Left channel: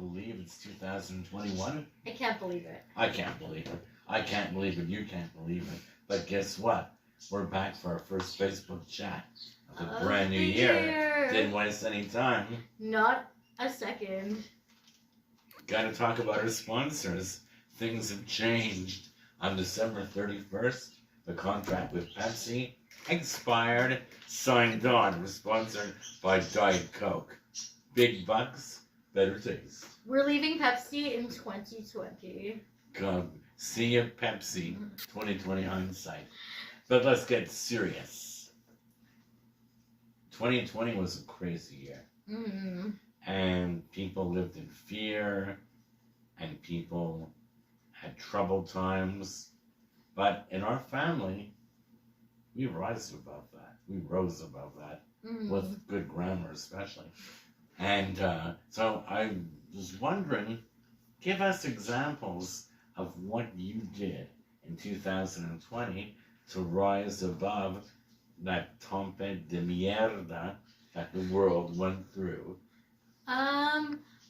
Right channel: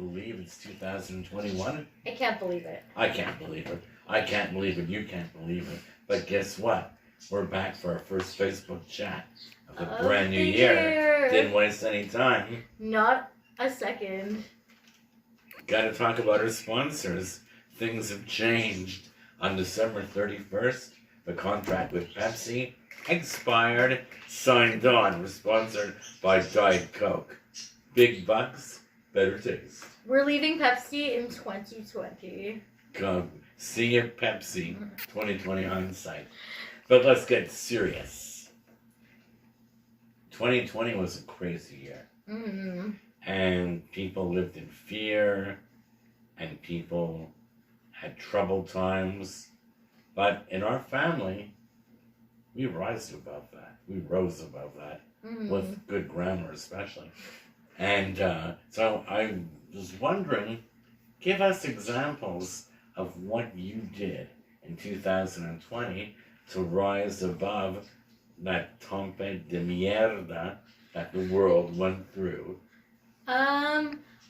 believe it's 2021? I can't believe it. I can't believe it. I can't believe it. You can't believe it. But guess what? We're back for our first Facebook chat of the brand new year. Didn't waste any time. Not a second. Got to talk about our sponsors. Things have changed. On December 31st, the contract with Pepsi expired, signed on. We're sponsored by Diet Coke. Big bucks, better taste. We're leaving Pepsi in 2020. Come, see you, Pepsi. 2020 hindsight. But let's get serious. 2020 was a crazy year. Mm-hmm. And people lived in fear, and people had troubled times. But in our family, we rose above that. We rose above that, with good grammar especially. And so I was wondering, give us examples of what you did in 2020 to rise above that tempête de mierda that the world went through.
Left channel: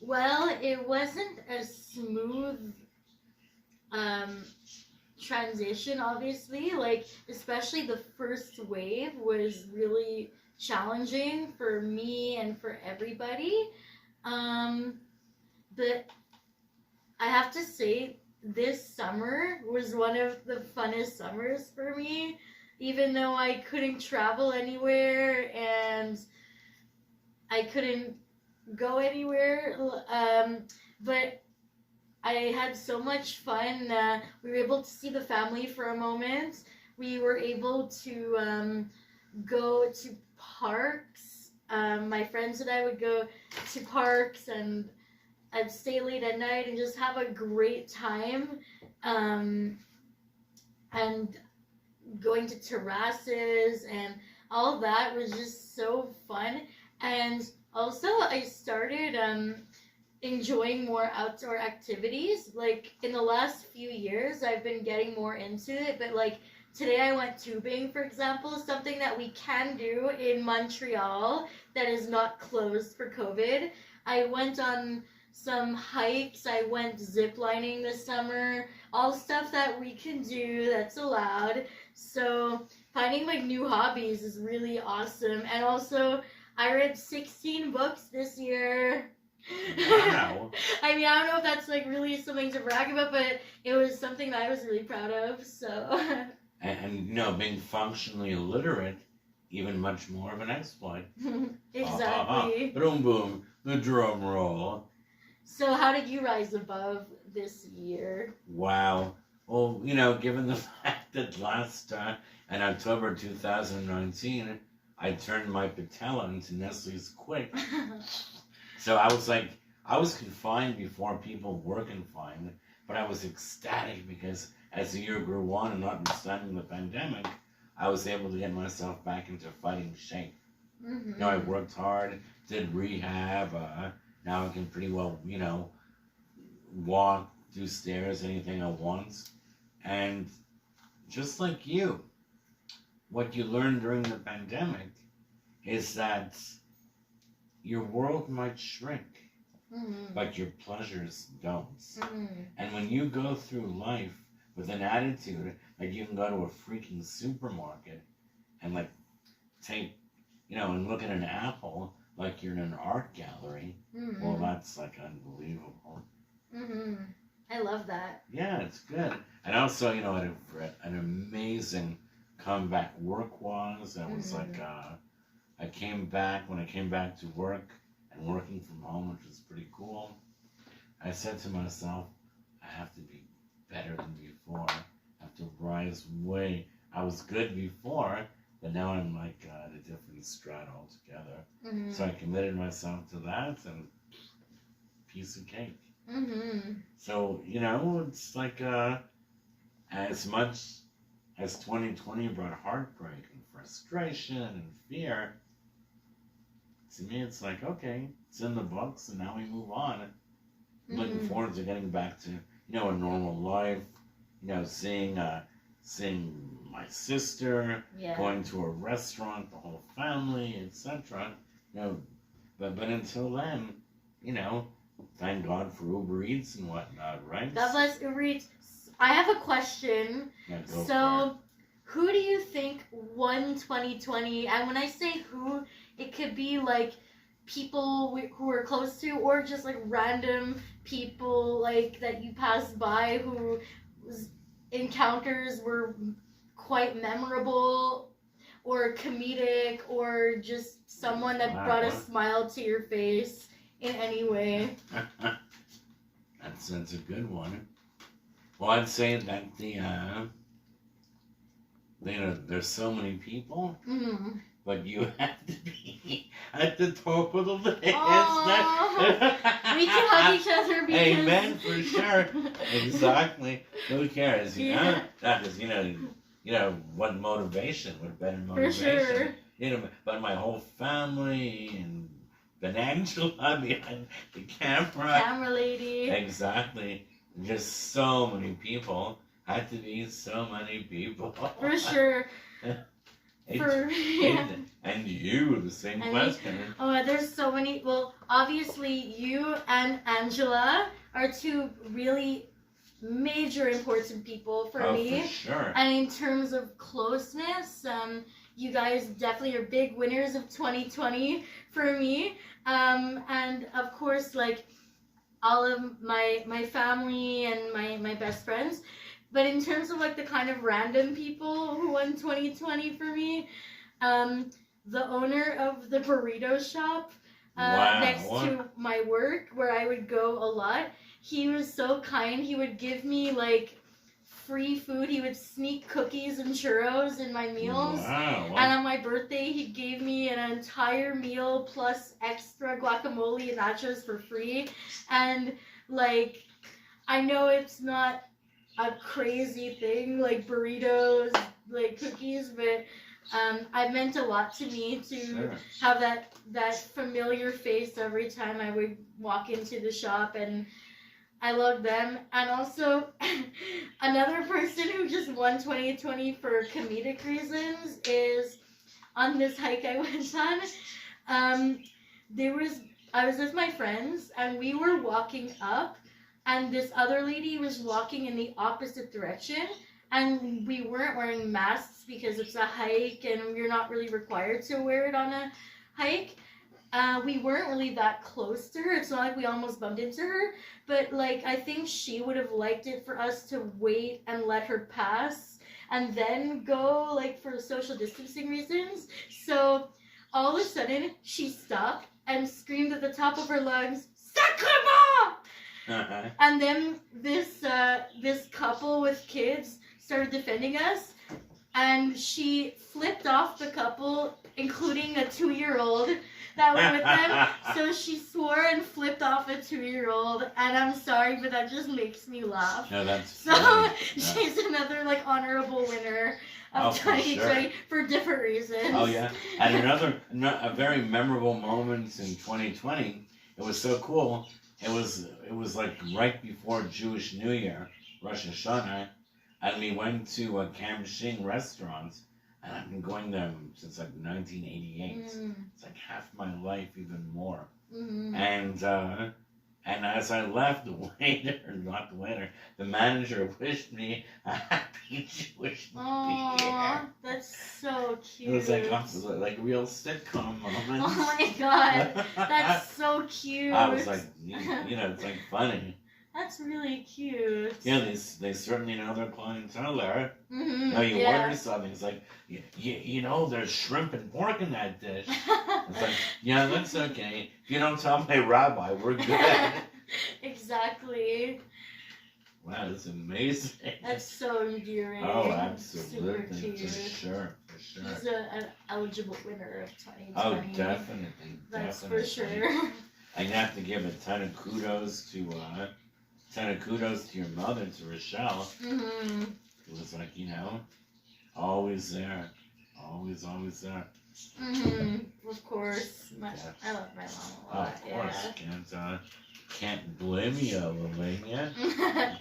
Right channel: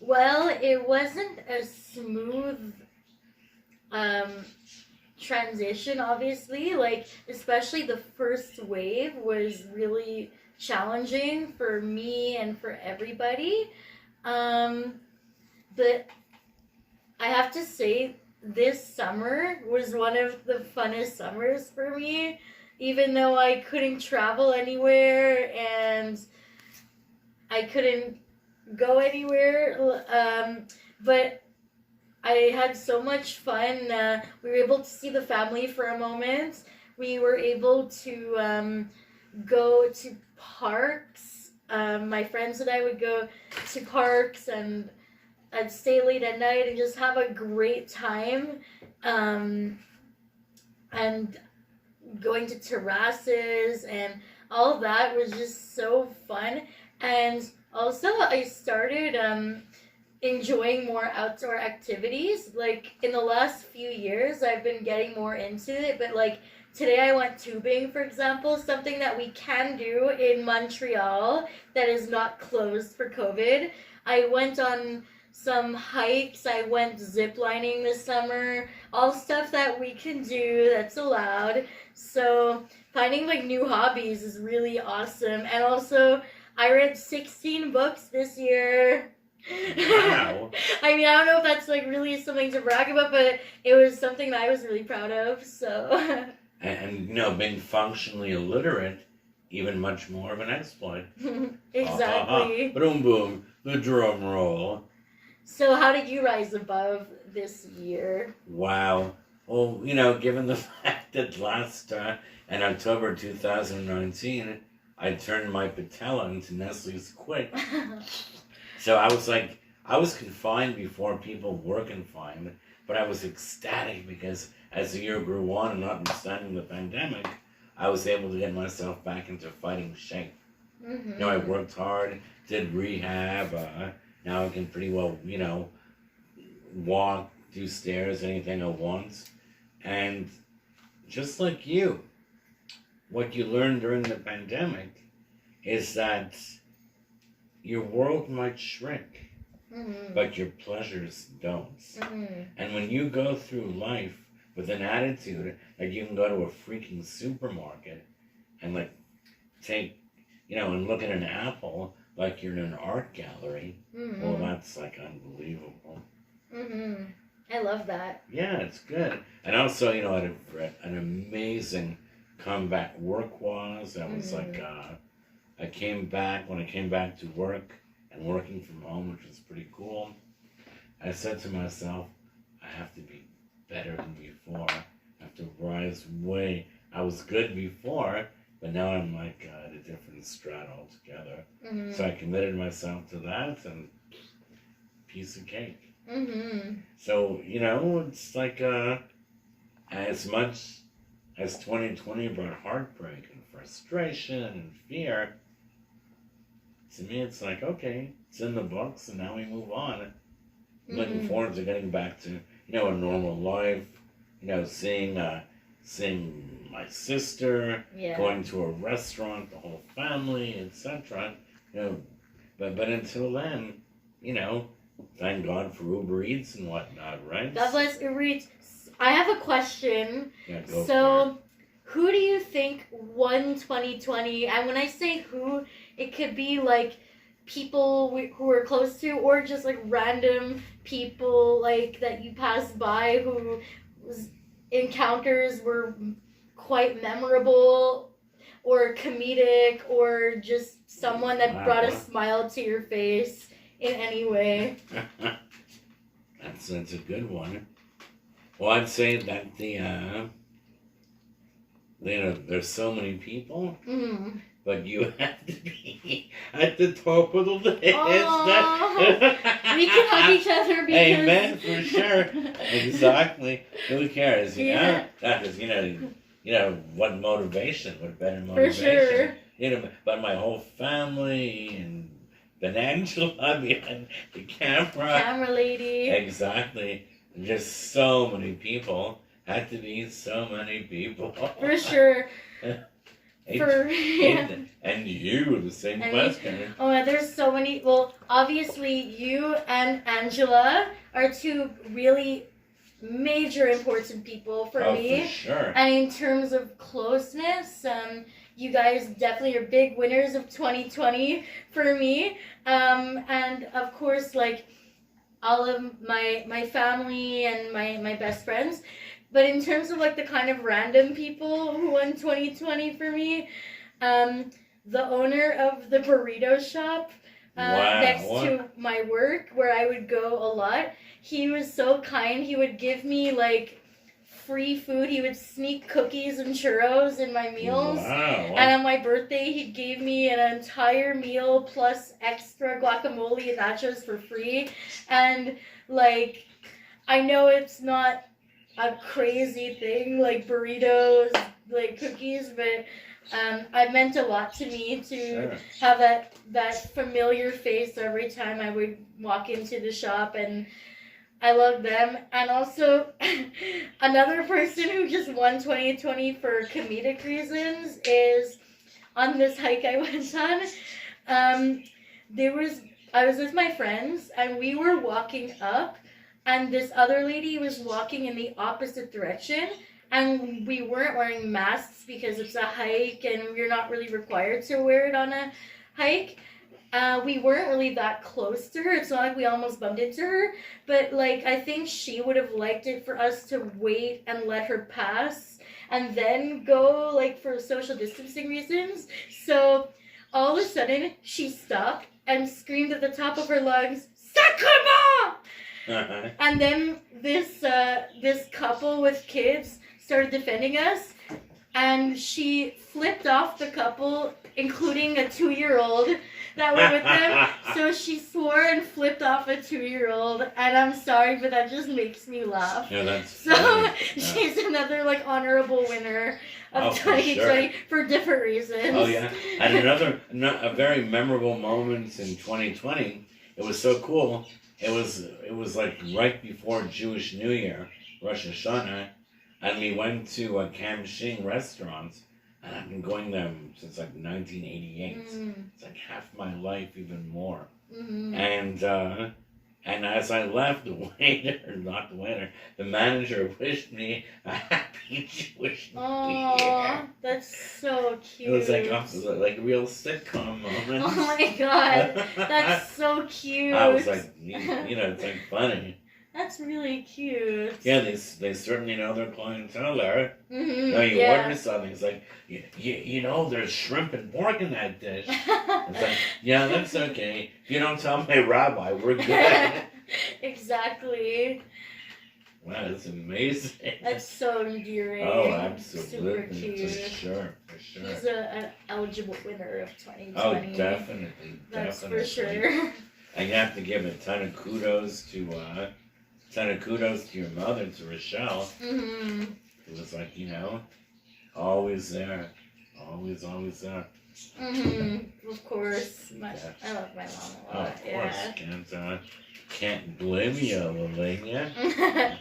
Well, it wasn't a smooth transition, obviously. Like, especially the first wave was really challenging for me and for everybody. But I have to say, this summer was one of the funnest summers for me, even though I couldn't travel anywhere and I couldn't go anywhere. But I had so much fun. We were able to see the family for a moment. We were able to go to parks. My friends and I would go to parks, and I'd stay late at night and just have a great time. And going to terraces and all that was just so fun. And also I started enjoying more outdoor activities. Like, in the last few years, I've been getting more into it, but like today I went tubing, for example, something that we can do in Montreal that is not closed for COVID. I went on some hikes, I went ziplining this summer, all stuff that we can do that's allowed. So finding like new hobbies is really awesome. And also, I read 16 books this year. Wow. I mean, I don't know if that's like really something to brag about, but it was something that I was really proud of. So. And you know, being functionally illiterate, even much more of an exploit. Exactly. Boom, boom, the drum roll. So how did you rise above this year? Wow. Well, you know, given the fact that last in October 2019, I turned my patella into Nestle's quick. So I was confined before people were confined, but I was ecstatic because as the year grew on, and notwithstanding the pandemic, I was able to get myself back into fighting shape. Mm-hmm. You know, I worked hard, did rehab. Now I can pretty well, you know, walk, do stairs, anything I want. And just like you, what you learned during the pandemic is that your world might shrink, but your pleasures don't. And when you go through life with an attitude that you can go to a freaking supermarket and like take, you know, and look at an apple like you're in an art gallery, well, that's like unbelievable. I love that. Yeah, it's good. And also, you know, I had an amazing comeback work-wise. I was like, when I came back to work and working from home, which was pretty cool, I said to myself, I have to be better than before. I have to rise way. I was good before, but now I'm like at a different strata altogether. So I committed myself to that, and piece of cake. So, you know, it's like as much as 2020 brought heartbreak and frustration and fear, to me it's like, okay, it's in the books and now we move on. I'm looking forward to getting back to, you know, a normal life, you know, seeing my sister, going to a restaurant, the whole family, etc. You know, but until then, you know, thank God for Uber Eats and whatnot, right? God bless Uber Eats. I have a question. Yeah, go for So, who do you think won 2020? And when I say who, it could be like people who we're close to, or just like random people like that you passed by whose encounters were quite memorable or comedic, or just someone that Wow, brought a what? smile to your face in any way. it. That's a good one. Well, I'd say that there's so many people, Mm. but you have to be at the top of the list. Aw. We can hug each other because... Amen, for sure. Exactly. Who cares, you know? Yeah. Because, what motivation, what better For motivation. sure. But my whole family and Angela behind the camera. Camera lady. Exactly. Just so many people. Had to be so many people. For sure. And you, the same question. Oh, there's so many. Well, obviously, you and Angela are two really major important people for me. For sure. And in terms of closeness, you guys definitely are big winners of 2020 for me. And of course, like all of my family and my best friends. But in terms of like the kind of random people who won 2020 for me, the owner of the burrito shop next to my work, where I would go a lot, he was so kind. He would give me like free food. He would sneak cookies and churros in my meals. Wow. And on my birthday, he gave me an entire meal plus extra guacamole and nachos for free. And like, I know it's not a crazy thing like burritos, like cookies, but it meant a lot to me to have that familiar face every time I would walk into the shop, and I love them. And also another person who just won 2020 for comedic reasons is on this hike I went on. I was with my friends and we were walking up, and this other lady was walking in the opposite direction, and we weren't wearing masks because it's a hike and we're not really required to wear it on a hike. We weren't really that close to her. It's not like we almost bumped into her, but like I think she would have liked it for us to wait and let her pass and then go, like, for social distancing reasons. So all of a sudden she stopped and screamed at the top of her lungs, "Sacrement!" And then this couple with kids started defending us, and she flipped off the couple, including a 2-year-old that were with them. So she swore and flipped off a 2-year-old, and I'm sorry, but that just makes me laugh. Yeah, that's so funny. she's another like honorable winner of for 2020 sure. for different reasons. Oh yeah, and a very memorable moment in 2020. It was so cool. It was like right before Jewish New Year, Rosh Hashanah, and we went to a Kamshing restaurant, and I've been going there since like 1988. It's like half my life, even more. Mm-hmm. And as I left, the manager wished me a happy Jewish New Year. That's so cute. It was like a real sitcom moment. Oh my god, that's so cute. I was like, it's like funny. That's really cute. Yeah, they certainly know their clientele there. Mm-hmm. Now you order something, it's like, there's shrimp and pork in that dish. It's like, yeah, that's okay. If you don't tell my rabbi, we're good. Exactly. Wow, that's amazing. That's so endearing. Oh, absolutely. Super cute. For sure. He's an eligible winner of 2020. Oh, definitely. That's definitely. for sure. I have to give a ton of kudos to your mother, to Rochelle. Mm-hmm. It was like, always there. Always there. Mm-hmm. Of course. I love my mom a lot. Of course. Can't blame you, Liliana.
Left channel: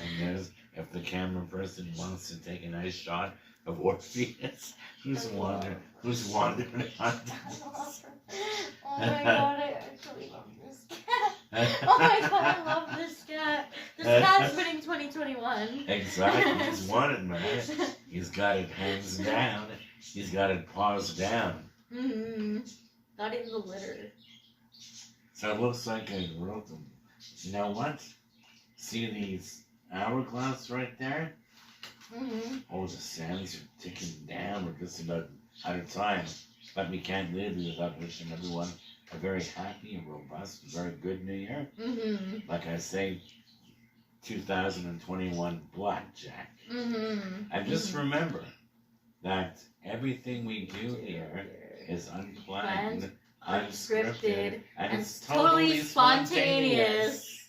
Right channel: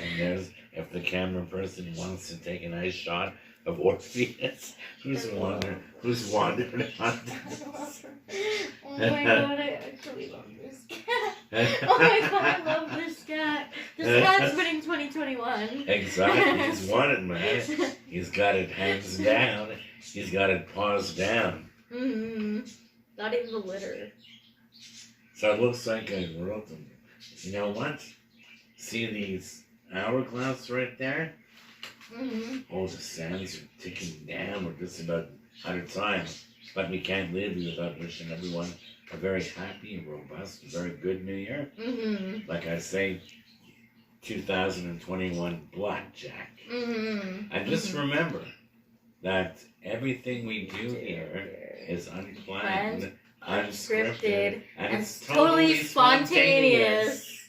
And if the camera person wants to take a nice shot of Orpheus, who's wandered on Oh my god, I actually love this. Oh my god, I love this cat. This cat's winning 2021. Exactly. He's won it, man. He's got it hands down. He's got it paws down. Mm-hmm. Not even the litter. So it looks like I wrote them. You know what? See these hourglass right there? Mm-hmm. Oh, the sands are ticking down. We're just about out of time. But we can't live without wishing everyone a very happy and robust, very good New Year. Mm-hmm. Like I say, 2021 blackjack. Mm-hmm. And just remember that everything we do here is unplanned, unscripted, and it's totally spontaneous.